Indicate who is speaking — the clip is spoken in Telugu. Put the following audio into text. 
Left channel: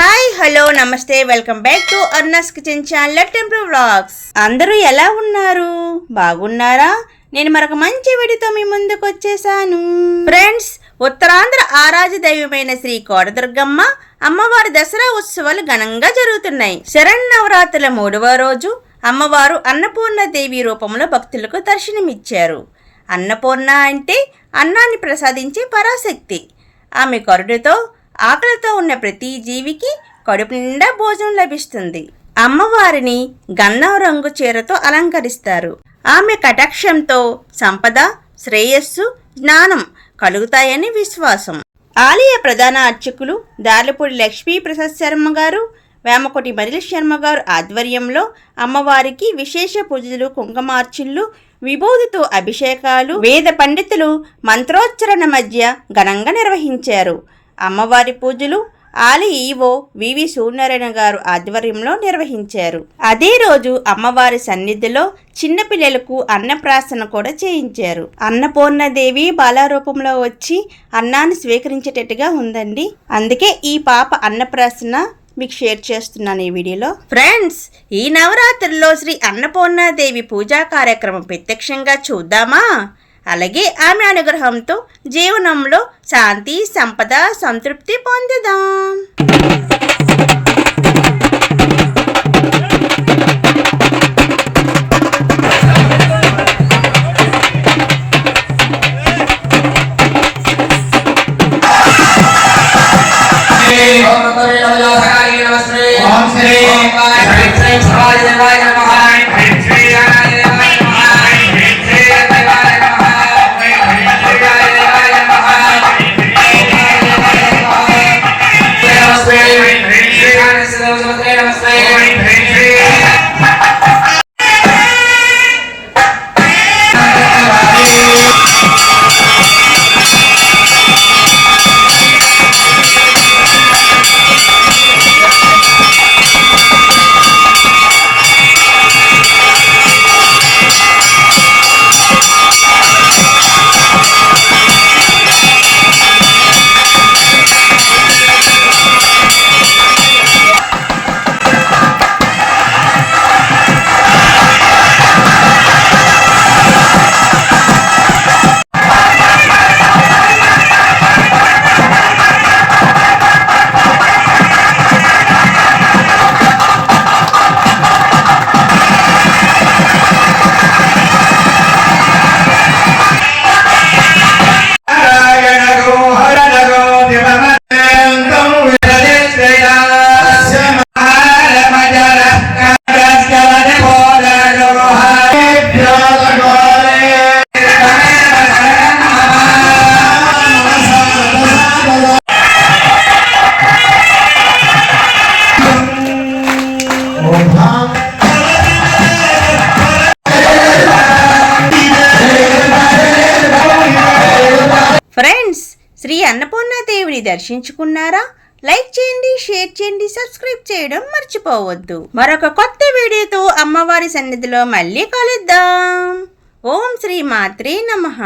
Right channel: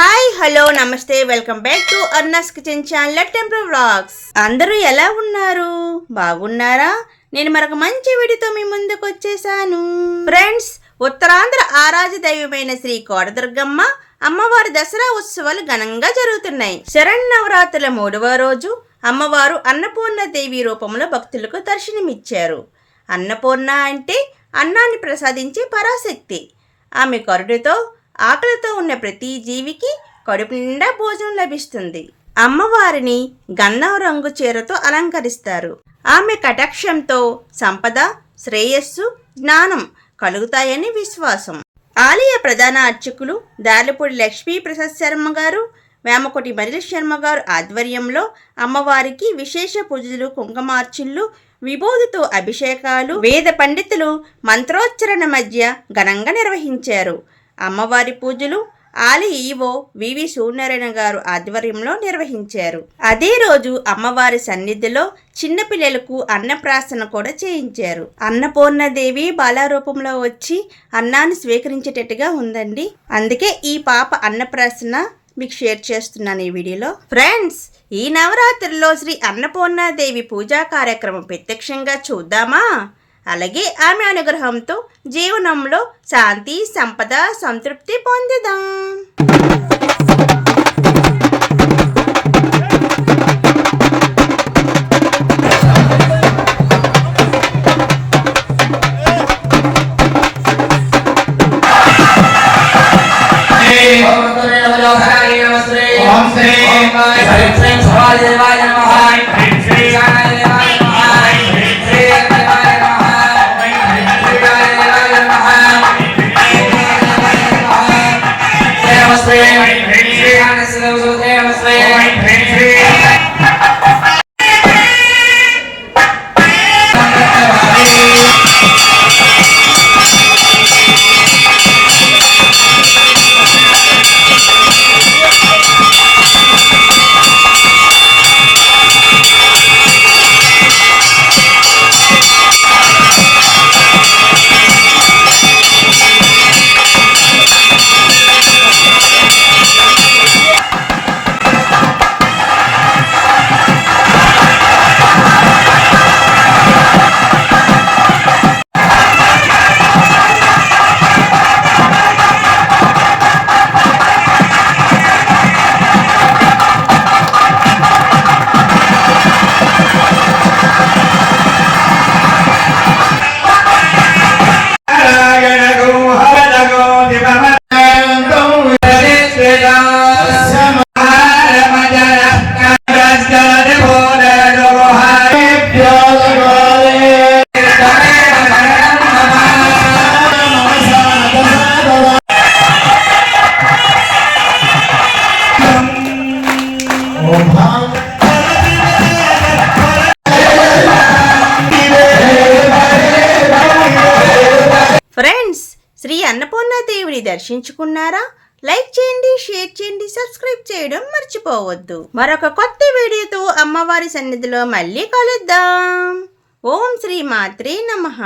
Speaker 1: హాయ్ హలో నమస్తే welcome back to Arna's kitchen channel temple vlogs అందరూ ఎలా ఉన్నారు? బాగున్నారా? నేను మరొక మంచి వీడియోతో మీ ముందుకు వచ్చేసాను. ఫ్రెండ్స్ ఉత్తరాంధ్ర ఆరాజ దైవమైన శ్రీ కోడదుర్గమ్మ అమ్మవారి దసరా ఉత్సవాలు ఘనంగా జరుగుతున్నాయి. శరణ్ మూడవ రోజు అమ్మవారు అన్నపూర్ణ దేవి రూపంలో భక్తులకు దర్శనమిచ్చారు. అన్నపూర్ణ అంటే అన్నాన్ని ప్రసాదించే పరాశక్తి. ఆమె కరుడుతో ఆకలితో ఉన్న ప్రతి జీవికి కడుపు నిండా భోజనం లభిస్తుంది. అమ్మవారిని గన్నం రంగు చీరతో అలంకరిస్తారు. ఆమె కటాక్షంతో సంపద శ్రేయస్సు జ్ఞానం కలుగుతాయని విశ్వాసం. ఆలయ ప్రధాన అర్చకులు దార్లపూడి లక్ష్మీ ప్రసాద్ శర్మ గారు వేమకోటి మదిలి శర్మ గారు ఆధ్వర్యంలో అమ్మవారికి విశేష పూజలు కుంకుమార్చులు విభూతితో అభిషేకాలు వేద పండితులు మంత్రోచ్చరణ మధ్య ఘనంగా నిర్వహించారు. అమ్మవారి పూజలు ఆలయ ఈవో వివి సూర్యనారాయణ గారు ఆధ్వర్యంలో నిర్వహించారు. అదే రోజు అమ్మవారి సన్నిధిలో చిన్నపిల్లలకు అన్నప్రాసన కూడా చేయించారు. అన్నపూర్ణదేవి బాలారూపంలో వచ్చి అన్నాన్ని స్వీకరించేటట్టుగా ఉందండి. అందుకే ఈ పాప అన్నప్రాసన మీకు షేర్ చేస్తున్నాను ఈ వీడియోలో. ఫ్రెండ్స్ ఈ నవరాత్రిలో శ్రీ అన్నపూర్ణాదేవి పూజా కార్యక్రమం ప్రత్యక్షంగా చూద్దామా? అలాగే ఆమె అనుగ్రహంతో జీవనంలో శాంతి సంపద సంతృప్తి పొందుదాం.
Speaker 2: ఓం
Speaker 1: ఫ్రెండ్స్ శ్రీ అన్నపూర్ణాదేవిని దర్శించుకున్నారా? లైక్ చేయండి షేర్ చేయండి సబ్స్క్రైబ్ చేయడం మర్చిపోవద్దు. మరొక కొత్త వీడియోతో అమ్మవారి సన్నిధిలో మళ్ళీ కలుద్దాం. ఓం శ్రీ మాత్రే నమః.